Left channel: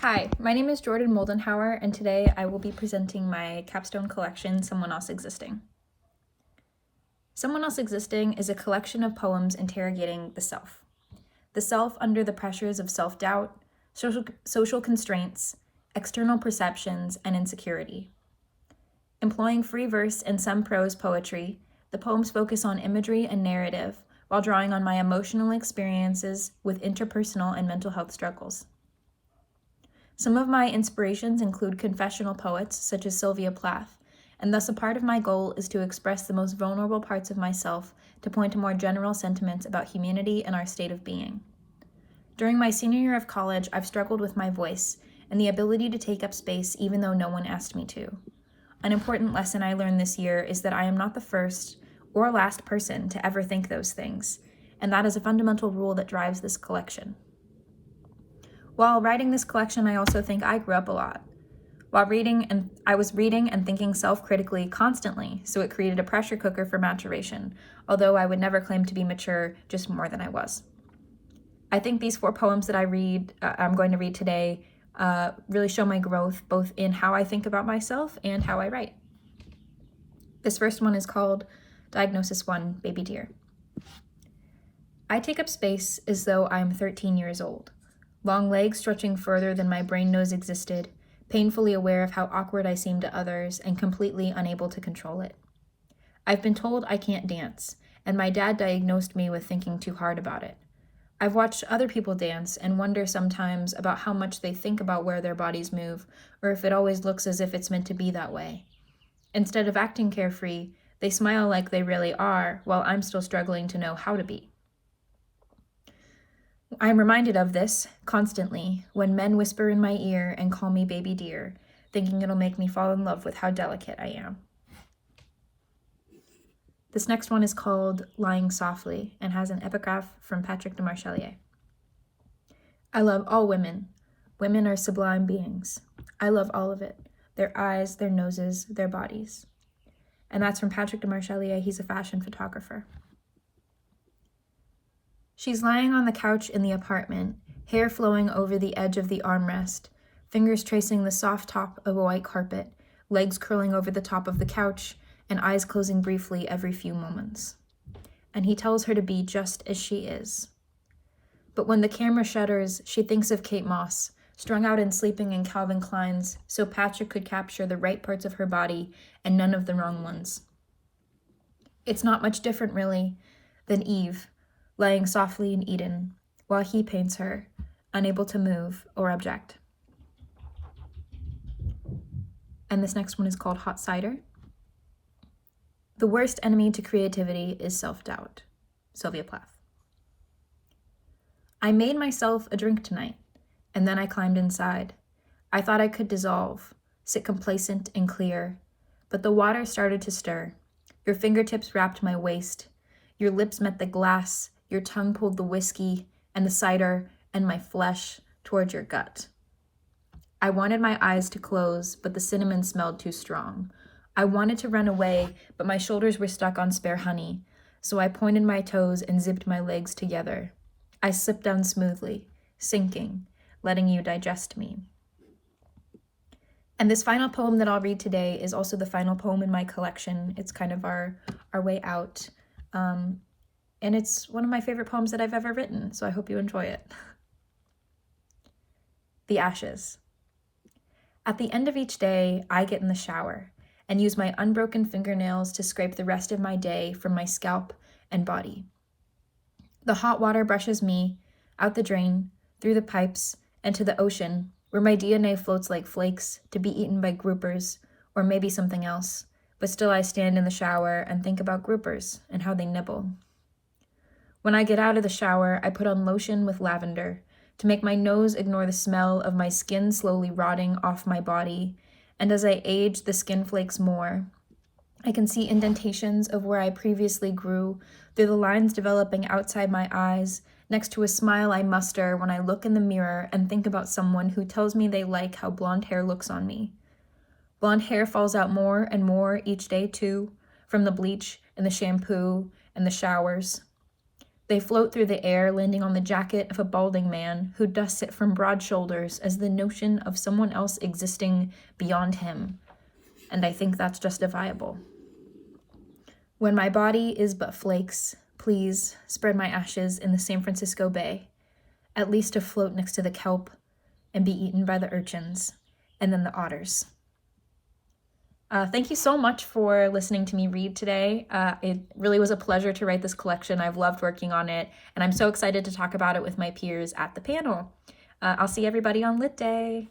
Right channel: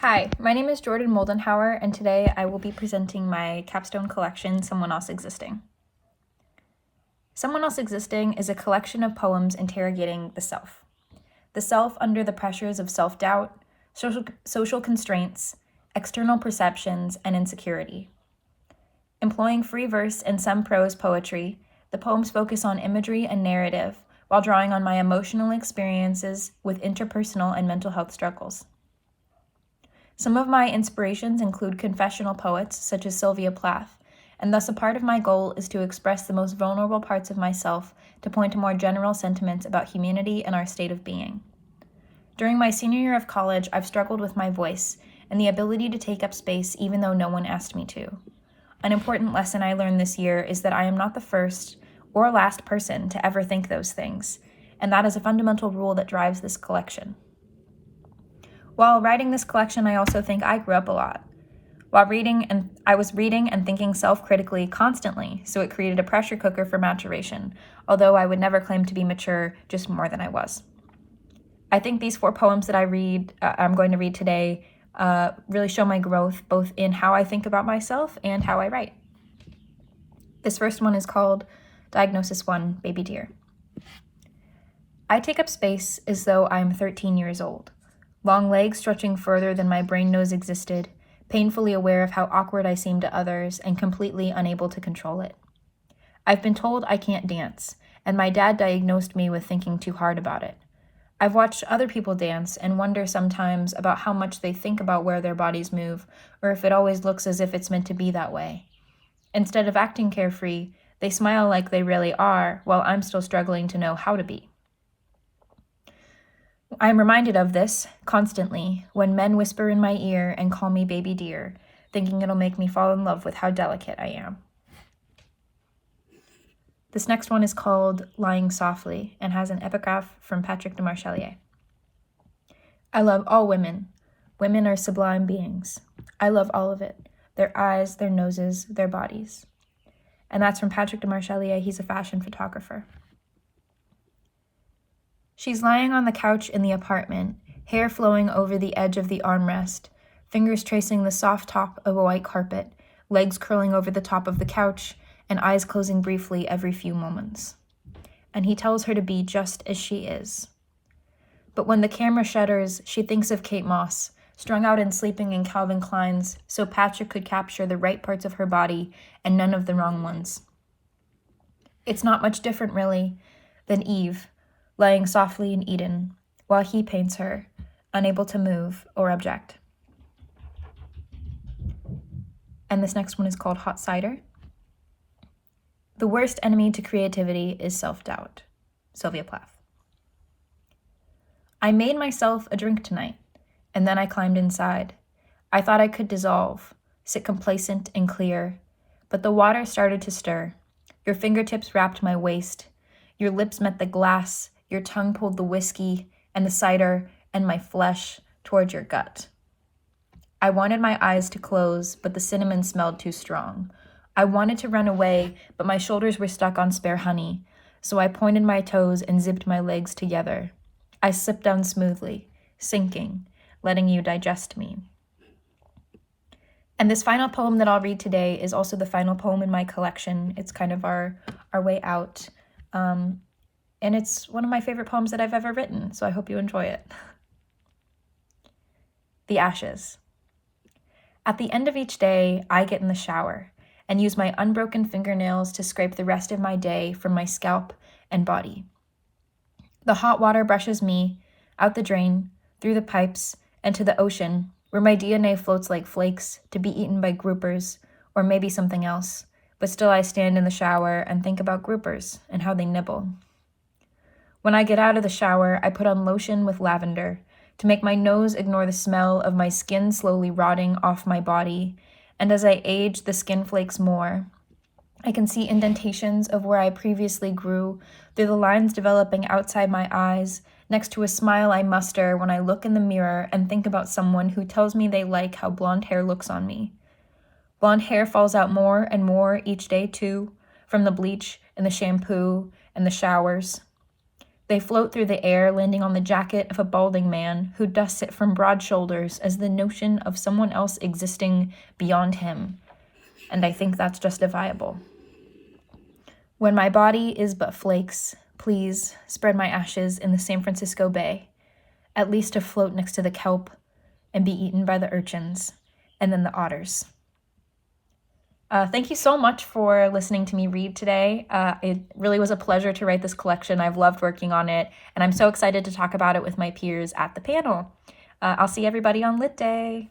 Hi, my name is Jordan Moldenhauer, and today I will be presenting my capstone collection, Someone Else Existing. Someone Else Existing is a collection of poems interrogating the self under the pressures of self-doubt, social constraints, external perceptions, and insecurity. Employing free verse and some prose poetry, the poems focus on imagery and narrative while drawing on my emotional experiences with interpersonal and mental health struggles. Some of my inspirations include confessional poets such as Sylvia Plath, and thus a part of my goal is to express the most vulnerable parts of myself to point to more general sentiments about humanity and our state of being. During my senior year of college, I've struggled with my voice and the ability to take up space even though no one asked me to. An important lesson I learned this year is that I am not the first or last person to ever think those things, and that is a fundamental rule that drives this collection. While writing this collection, I also think I grew up a lot. While reading, I was reading and thinking self-critically constantly, so it created a pressure cooker for maturation, although I would never claim to be mature, just more than I was. I think these 4 poems that I'm going to read today, really show my growth, both in how I think about myself and how I write. This first one is called Diagnosis 1, Baby Deer. I take up space as though I'm 13 years old. Long legs stretching further than my brain knows existed, painfully aware of how awkward I seem to others and completely unable to control it. I've been told I can't dance, and my dad diagnosed me with thinking too hard about it. I've watched other people dance and wonder sometimes about how much they think about where their bodies move, or if it always looks as if it's meant to be that way. Instead of acting carefree, they smile like they really are, while I'm still struggling to know how to be. I am reminded of this constantly when men whisper in my ear and call me baby deer, thinking it'll make me fall in love with how delicate I am. This next one is called Lying Softly and has an epigraph from Patrick de Marchelier. I love all women. Women are sublime beings. I love all of it. Their eyes, their noses, their bodies. And that's from Patrick de Marchelier. He's a fashion photographer. She's lying on the couch in the apartment, hair flowing over the edge of the armrest, fingers tracing the soft top of a white carpet, legs curling over the top of the couch, and eyes closing briefly every few moments. And he tells her to be just as she is. But when the camera shutters, she thinks of Kate Moss, strung out and sleeping in Calvin Klein's, so Patrick could capture the right parts of her body and none of the wrong ones. It's not much different, really, than Eve, lying softly in Eden, while he paints her, unable to move or object. And this next one is called Hot Cider. The worst enemy to creativity is self-doubt. Sylvia Plath. I made myself a drink tonight, and then I climbed inside. I thought I could dissolve, sit complacent and clear, but the water started to stir. Your fingertips wrapped my waist. Your lips met the glass. Your tongue pulled the whiskey and the cider and my flesh toward your gut. I wanted my eyes to close, but the cinnamon smelled too strong. I wanted to run away, but my shoulders were stuck on spare honey, so I pointed my toes and zipped my legs together. I slipped down smoothly, sinking, letting you digest me. And this final poem that I'll read today is also the final poem in my collection. It's kind of our way out. And it's one of my favorite poems that I've ever written, so I hope you enjoy it. The Ashes. At the end of each day, I get in the shower and use my unbroken fingernails to scrape the rest of my day from my scalp and body. The hot water brushes me out the drain, through the pipes, and to the ocean, where my DNA floats like flakes to be eaten by groupers, or maybe something else, but still I stand in the shower and think about groupers and how they nibble. When I get out of the shower, I put on lotion with lavender to make my nose ignore the smell of my skin slowly rotting off my body, and as I age, the skin flakes more. I can see indentations of where I previously grew through the lines developing outside my eyes, next to a smile I muster when I look in the mirror and think about someone who tells me they like how blonde hair looks on me. Blonde hair falls out more and more each day, too, from the bleach and the shampoo and the showers. They float through the air, landing on the jacket of a balding man who dusts it from broad shoulders as the notion of someone else existing beyond him. And I think that's justifiable. When my body is but flakes, please spread my ashes in the San Francisco Bay, at least to float next to the kelp and be eaten by the urchins and then the otters. Thank you so much for listening to me read today. It really was a pleasure to write this collection. I've loved working on it, and I'm so excited to talk about it with my peers at the panel. I'll see everybody on Lit Day.